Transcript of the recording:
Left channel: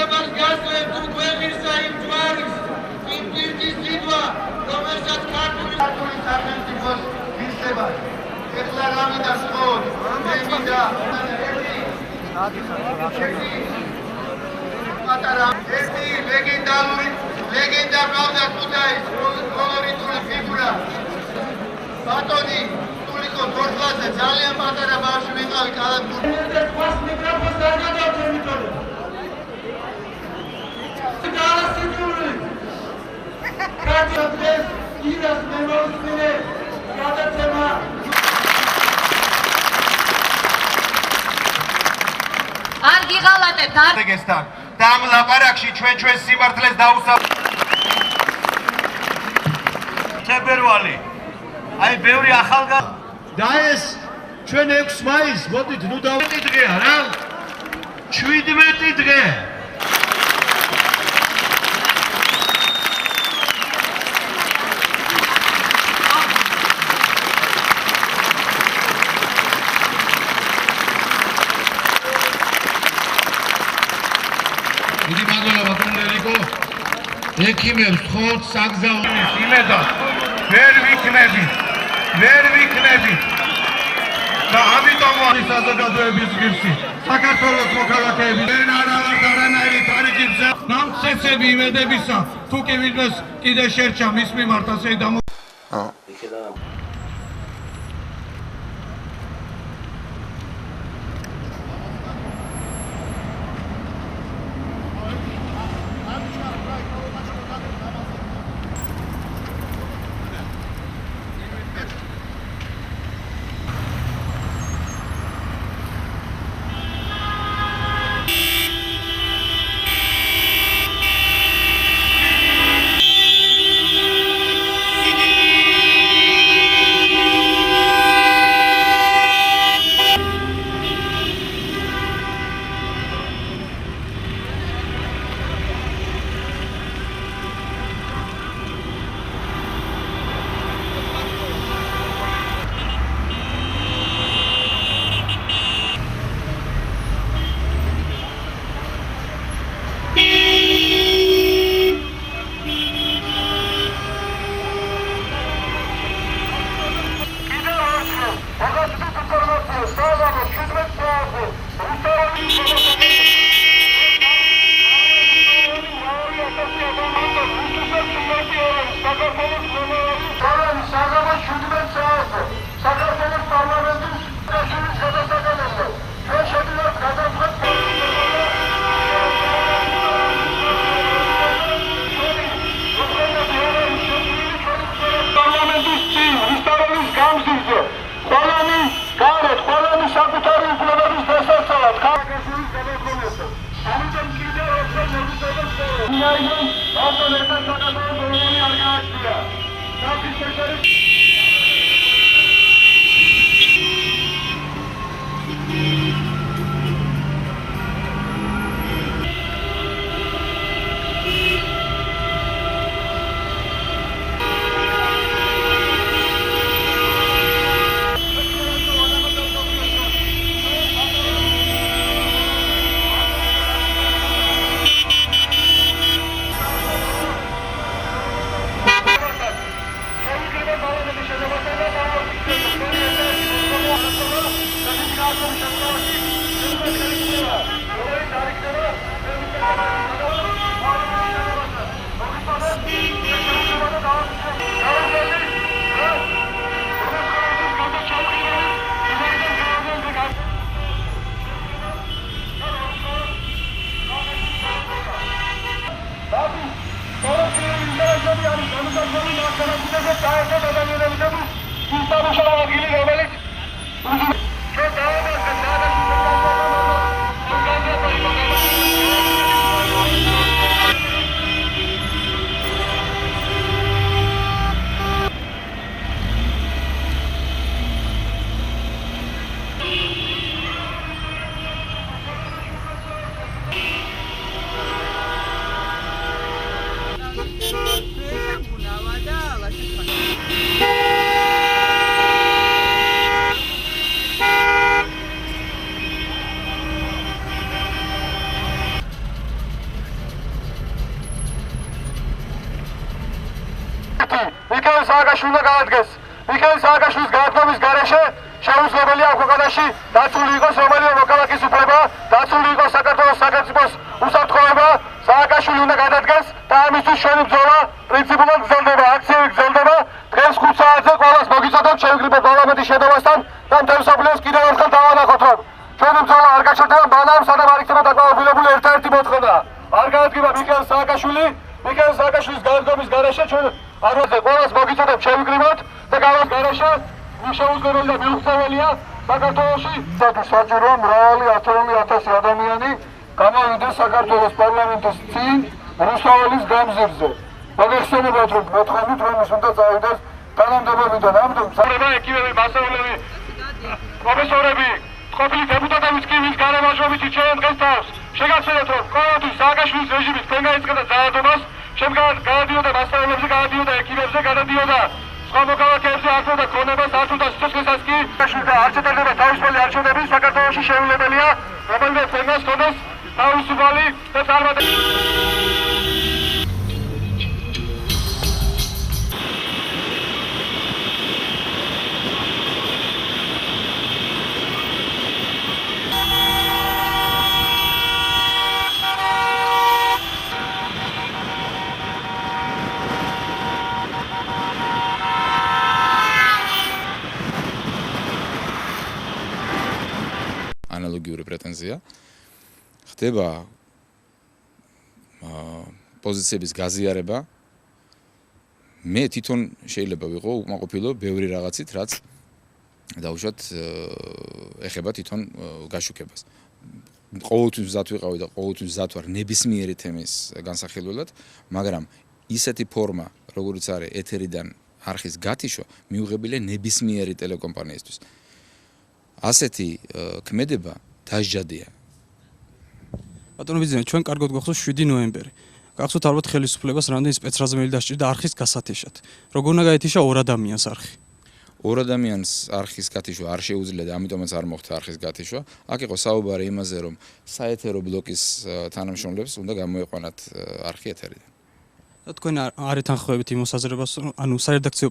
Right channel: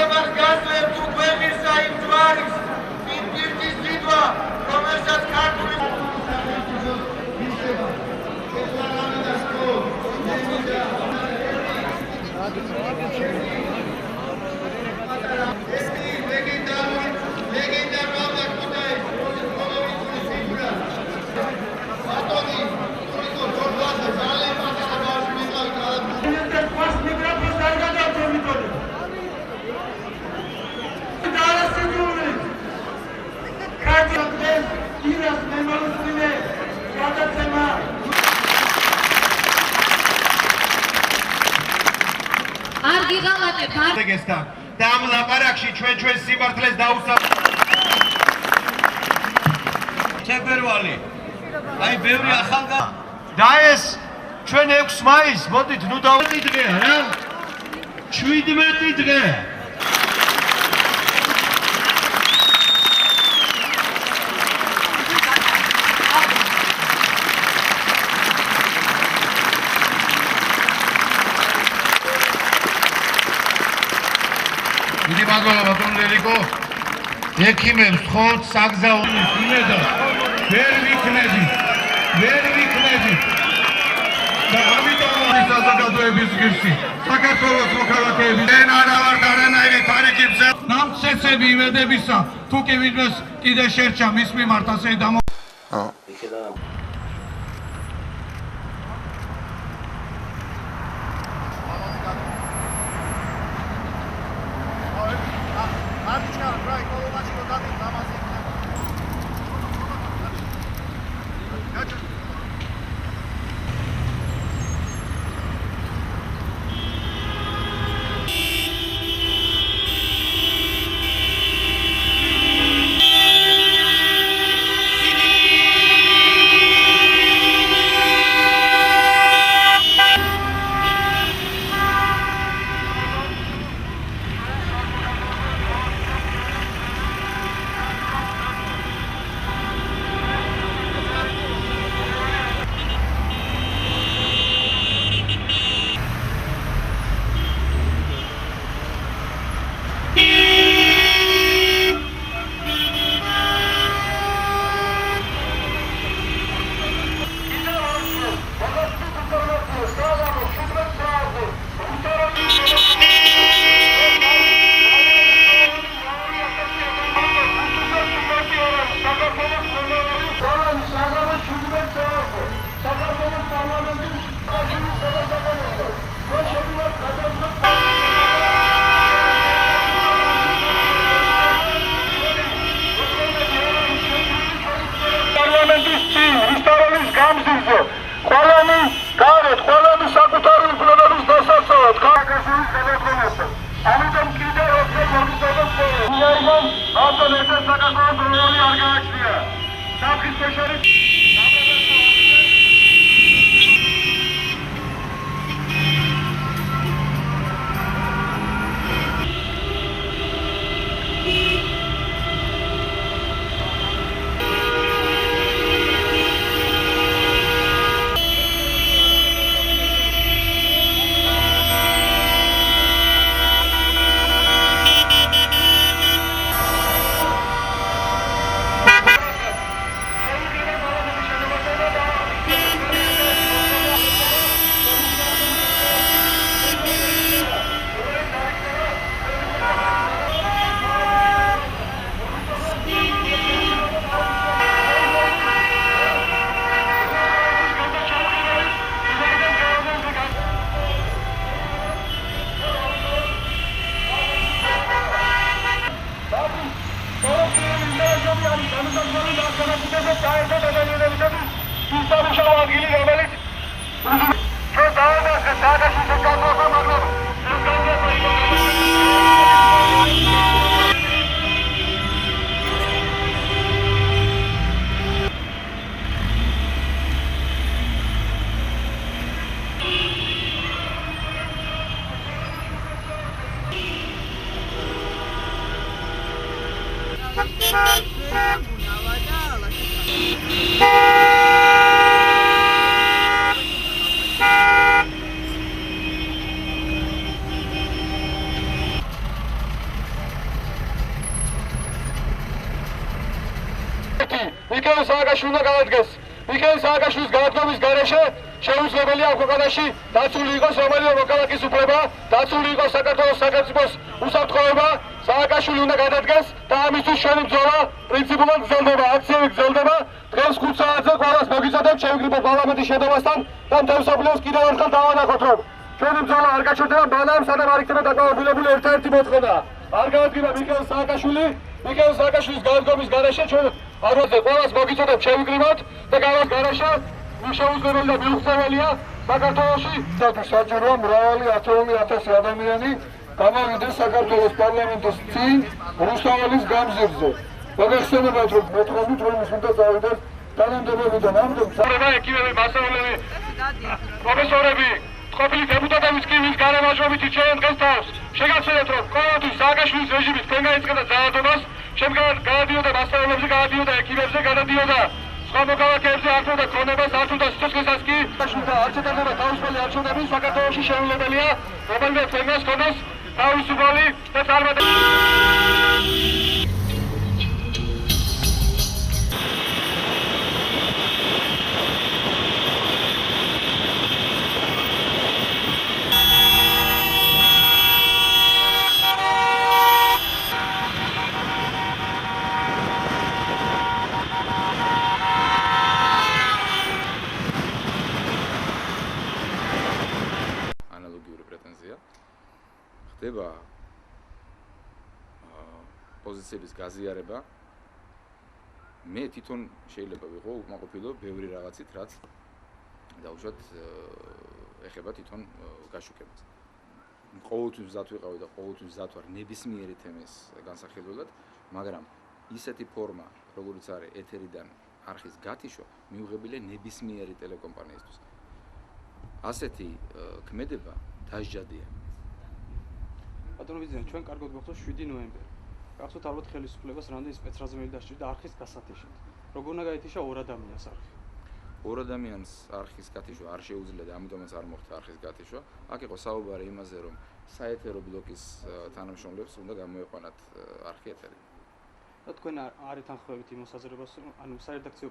მეგობრობას გაძლევთ უკვე ღირსა იმ ჯვარის, იმ პირდის ძიდვა, რომელსაც ქართული სახელმწიფოს მისება. ერთლა გამიდა სკოლ, მე მინდა ერთი ლეგენდა ყავდა ქუთაის კოლორიტული ფიგურა. ბატონი ტურიკო ბორბლაძე ძალიან პატარა ბავშვი მეყავი ქალაქში. მიკროფონს არ გადავწერ მიტოვე. ქართლის ირას მემორიცხინე გადაცემა. არ გიღალატებთ არ ეგესთან და ამ ლაპარაკში ჩვენ სიმართლეს თებერვალი აი ბევრი ახალგაზრდა და ეს ჩვენ 6 მაისს მოდით ნუ დავიწყეთ დღეა რა 17 დღე ბატონელიკო ექიმებს ხოთ საგზაუნის იმედად ვერ ვიქნები და ამიტომ არის საზოგადოების ღირსი საქართველოს მოქალაქეები δεν არა ვართ არანაირი თარიღებზე ნამცეცები იმედებისა თუ კი ვინმეს კიდე შერჩა მის მიმართ ასე უნდა გაადგეს. მიხეილ სააკაშვილის განადგომის გარეშე შეუძლებელია ამ ქვეყანაში დაცული იყოს რომელიმე მოქალაქის უფლება, დაცული იყოს საქართველოს სახელმწიფოს უსაფრთხოება. სააკაშვილი უნდა გადადგეს და ამისთვის ჩვენი ბრძოლა პრინციპულად გრძელდება, აქციები გრძელდება. დღეს 5 საათზე ყველას მოგიწოდოთ შევიკრიბოთ პარლამენტის შედევასთან და მთელ მსოფლიოს კიდევ ერთხელ დავანახოთ, რომ ჩვენი ბრძოლა არ გაჩერდება მანამ, სანამ არ იქნება დაკმაყოფილებული ერთადერთი მოთხოვნა. არ გაადგება მიხეილ სააკაშვილის განადგომის გარეშე ჩვენ არვაზე ყველას მოგიწოდოთ შევიკრიბოთ და გავას გარეშე შეუძლებელი და მიუღწეველია საქართველოში საჭიროა მრავალი ათეული ათასი ადამიანი გამოვიდეს საქართველოს პარლამენტის წინ რუსთაველის გამზირზე. მოგეხსენებათ, რომ მოთხოვნით, რომ ის უნდა წავიდეს თანამდებობიდან. ამიტომ სარება ეკიპები, მასწავლებლები, პროფესორები, ყოფილი დეპუტატების კი ვის გარემარჯვებით ჩვენ დღეს თავს შეგახსენებთ, რომ ყოველთვის სააკაშვილის რეჟიმი თქვენ გაიწყებდა ძალადობას, შემდგარ გადადიოდა მასწავლებლებზე, გადადიოდა ეკიპებზე, გადადიოდა სხვა მოქალაქეებზე, ართმევდა ქონებას, ართმევდა სიცოცხლესაც კი. და არ ჩატარდება თავისუფალი არჩევნები საქართველოში შეუძლებელია, რომელიმე ფენას ქონდეს თავისუფალი და წარმატებული. ანალოგიური პრეტენზია ხდება პოზიციების გაზიარება. მე თვითონ შეიძლება ვიყო უკმაყოფილო ბევრი რაღაცით, რაც დაუშვათ ეხება თვითონ გაშუქებას. ყოველთვის მზად ვიყავი და ყოველთვის მზად ვარ ნებისმიერი თემის განსახილველად, მაგრამ ისეთი ფორმა, როგორიც არის ეთერიდან არხის გათიშვა, მიუღებელია ნებისმიერი ტელეკომპანიისთვის. ასეთი ქმედება დასჯადია. ბატონო ბიძინა, ჩვენ კარგად გვახსოვს 7 ნოემბერი. გახსოვთ ალბათ ხელისუფლებას რამდენი სპეცრაზმელი დასჭირდა არხის გასათიშად. როგორ უნდა გაეთიშა ორ ადამიანს არხი? ორ ადამიანს არხის გათიშვა არ შეუძლია და ამიტომაც არ მოხდა არხის გათიშვა. აქ იყო საუბარი იმაზე, რომ საეთერო ბლოკის თანამშრომლებს უნდა გამოეყვანათ არხი ეთერიდან. და თქვენ არ ეთანხმებით იმ მოსაზრებას, ანუ სარედაქციო